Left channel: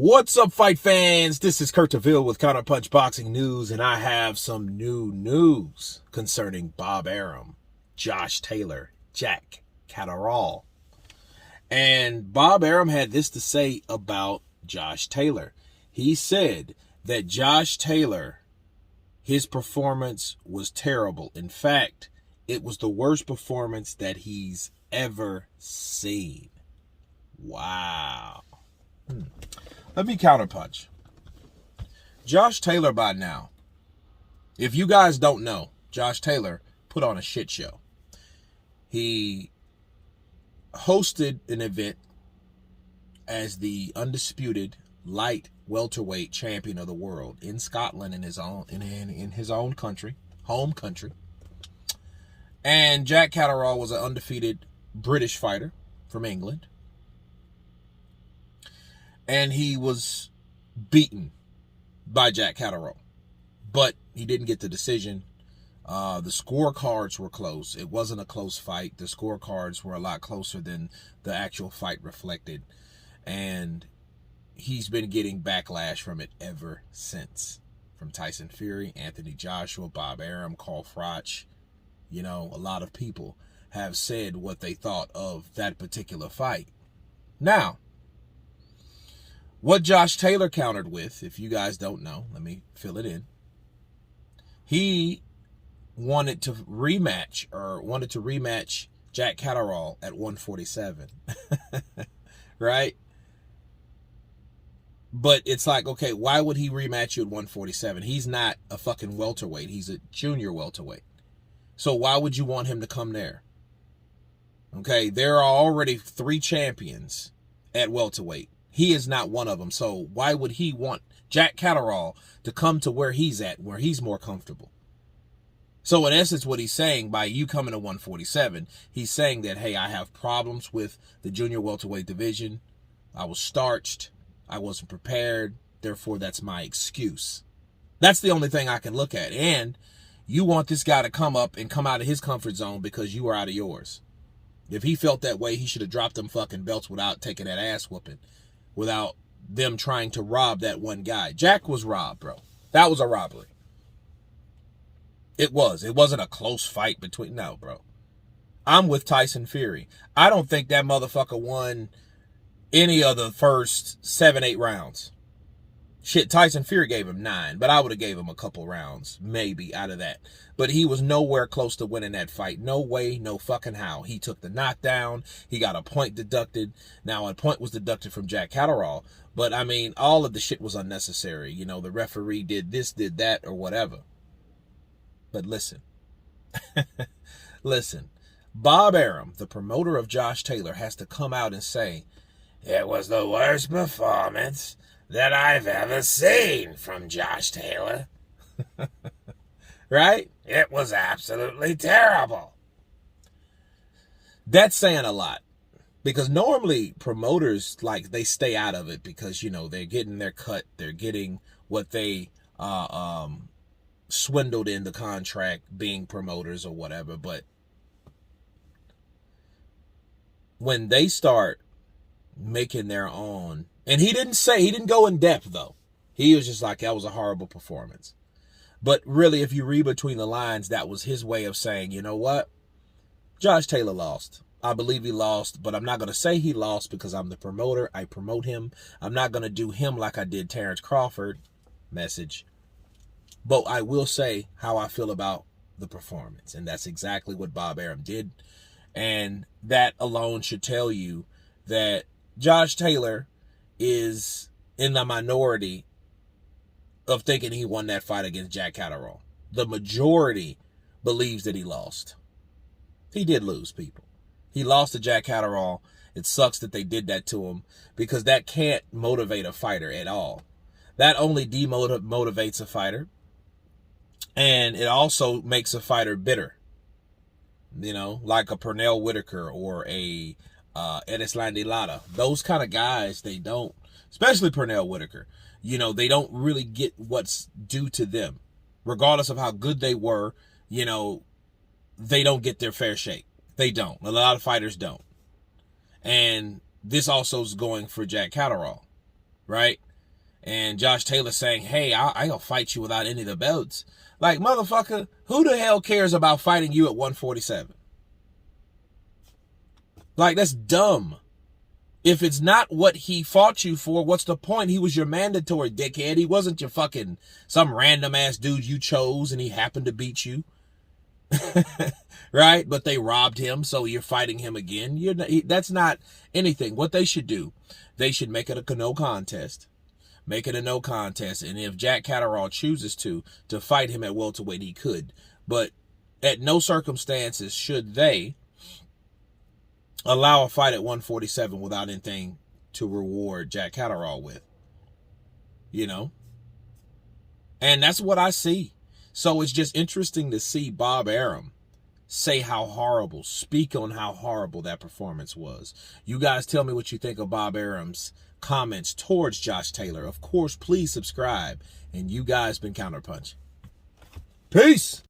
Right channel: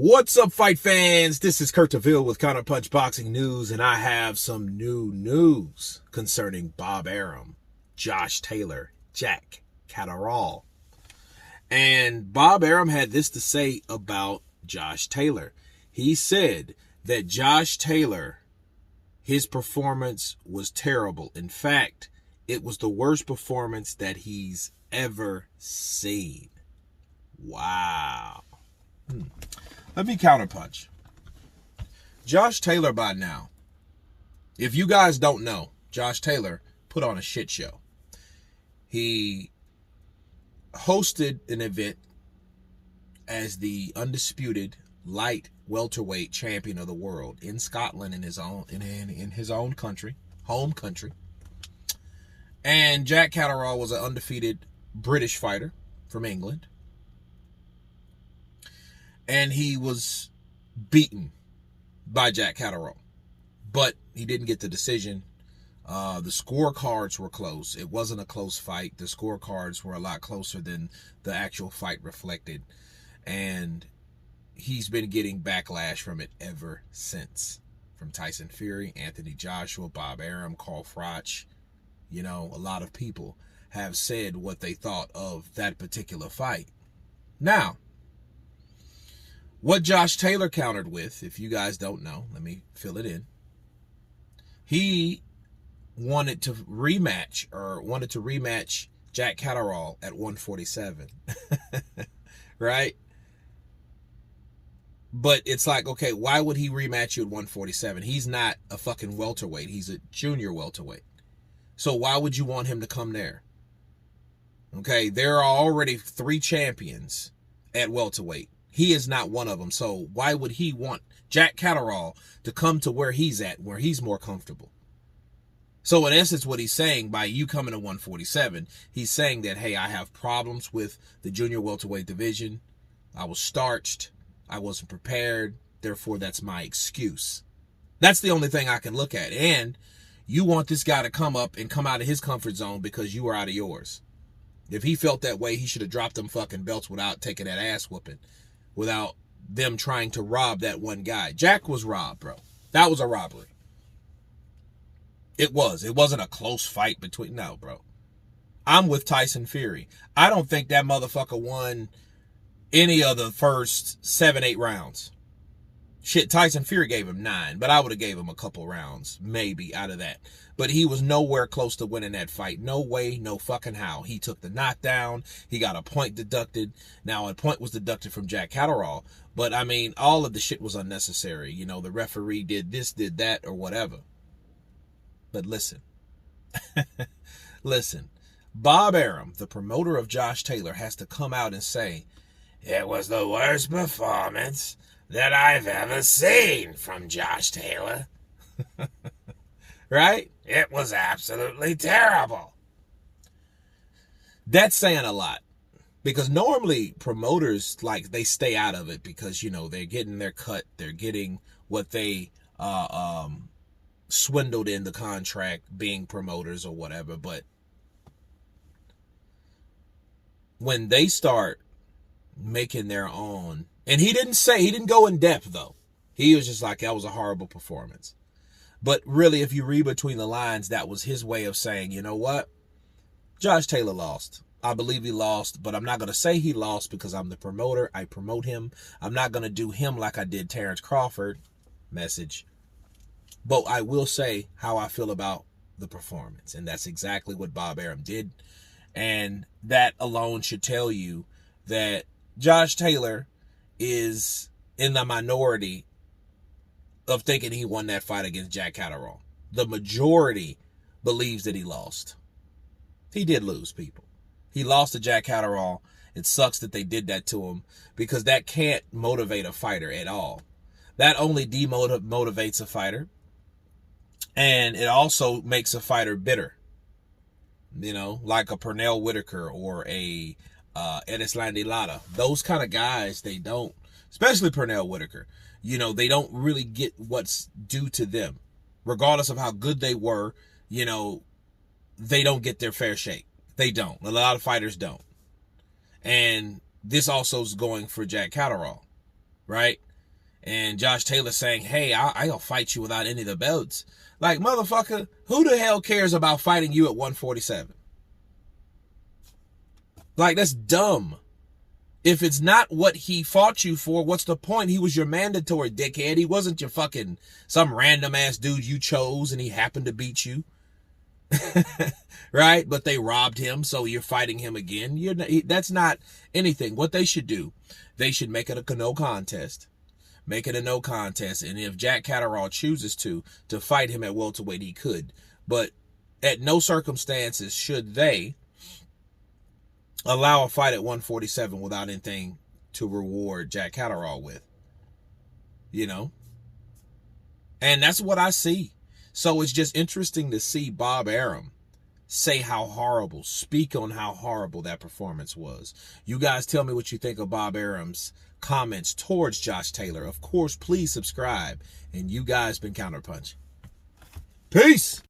What's up, fight fans? This is Kurt DeVille with Counterpunched Boxing News, and I have some new news concerning Bob Arum, Josh Taylor, Jack Catterall. And Bob Arum had this to say about Josh Taylor. He said that Josh Taylor, his performance was terrible. In fact, it was the worst performance that he's ever seen. Wow. Let me counterpunch. Josh Taylor, by now, if you guys don't know, Josh Taylor put on a shit show. He hosted an event as the undisputed light welterweight champion of the world in Scotland, in his own country, home country. And Jack Catterall was an undefeated British fighter from England. And he was beaten by Jack Catterall. But he didn't get the decision. The scorecards were close. It wasn't a close fight. The scorecards were a lot closer than the actual fight reflected. And he's been getting backlash from it ever since. From Tyson Fury, Anthony Joshua, Bob Arum, Carl Froch. You know, a lot of people have said what they thought of that particular fight. Now, what Josh Taylor countered with, if you guys don't know, let me fill it in. He wanted to rematch Jack Catterall at 147. Right? But it's like, okay, why would he rematch you at 147? He's not a fucking welterweight. He's a junior welterweight. So why would you want him to come there? Okay, there are already 3 champions at welterweight. He is not one of them. So why would he want Jack Catterall to come to where he's at, where he's more comfortable? So in essence, what he's saying by you coming to 147, he's saying that, hey, I have problems with the junior welterweight division. I was starched. I wasn't prepared. Therefore, that's my excuse. That's the only thing I can look at. And you want this guy to come up and come out of his comfort zone because you were out of yours. If he felt that way, he should have dropped them fucking belts without taking that ass whooping. Without them trying to rob that one guy. Jack was robbed, bro. That was a robbery. It was. It wasn't a close fight between... No, bro. I'm with Tyson Fury. I don't think that motherfucker won any of the first 7-8 rounds. Shit, Tyson Fury gave him 9, but I would have gave him a couple rounds, maybe, out of that. But he was nowhere close to winning that fight. No way, no fucking how. He took the knockdown. He got a point deducted. Now, a point was deducted from Jack Catterall. But, I mean, all of the shit was unnecessary. You know, the referee did this, did that, or whatever. But listen. Listen. Bob Arum, the promoter of Josh Taylor, has to come out and say, it was the worst performance that I've ever seen from Josh Taylor. Right? It was absolutely terrible. That's saying a lot. Because normally promoters, like, they stay out of it because, you know, they're getting their cut. They're getting what they swindled in the contract being promoters or whatever. But when they start making their own... And he didn't go in depth, though. He was just like, that was a horrible performance. But really, if you read between the lines, that was his way of saying, you know what? Josh Taylor lost. I believe he lost, but I'm not going to say he lost because I'm the promoter. I promote him. I'm not going to do him like I did Terrence Crawford. Message. But I will say how I feel about the performance. And that's exactly what Bob Arum did. And that alone should tell you that Josh Taylor is in the minority of thinking he won that fight against Jack Catterall. The majority believes that he lost. He did lose, people. He lost to Jack Catterall. It sucks that they did that to him because that can't motivate a fighter at all. That only demotivates a fighter. And it also makes a fighter bitter. You know, like a Pernell Whitaker or a Erislandy Lara. Those kind of guys, they don't, especially Pernell Whitaker, you know, they don't really get what's due to them. Regardless of how good they were, you know, they don't get their fair shake. They don't. A lot of fighters don't. And this also is going for Jack Catterall, right? And Josh Taylor saying, hey, I'll fight you without any of the belts. Like, motherfucker, who the hell cares about fighting you at 147? Like, that's dumb. If it's not what he fought you for, what's the point? He was your mandatory, dickhead. He wasn't your fucking some random ass dude you chose and he happened to beat you. Right? But they robbed him, so you're fighting him again. That's not anything. What they should do, they should make it a no contest. Make it a no contest. And if Jack Catterall chooses to fight him at welterweight, he could. But at no circumstances should they allow a fight at 147 without anything to reward Jack Catterall with. You know? And that's what I see. So it's just interesting to see Bob Arum say how horrible, speak on how horrible that performance was. You guys tell me what you think of Bob Arum's comments towards Josh Taylor. Of course, please subscribe. And you guys been Counterpunched. Peace.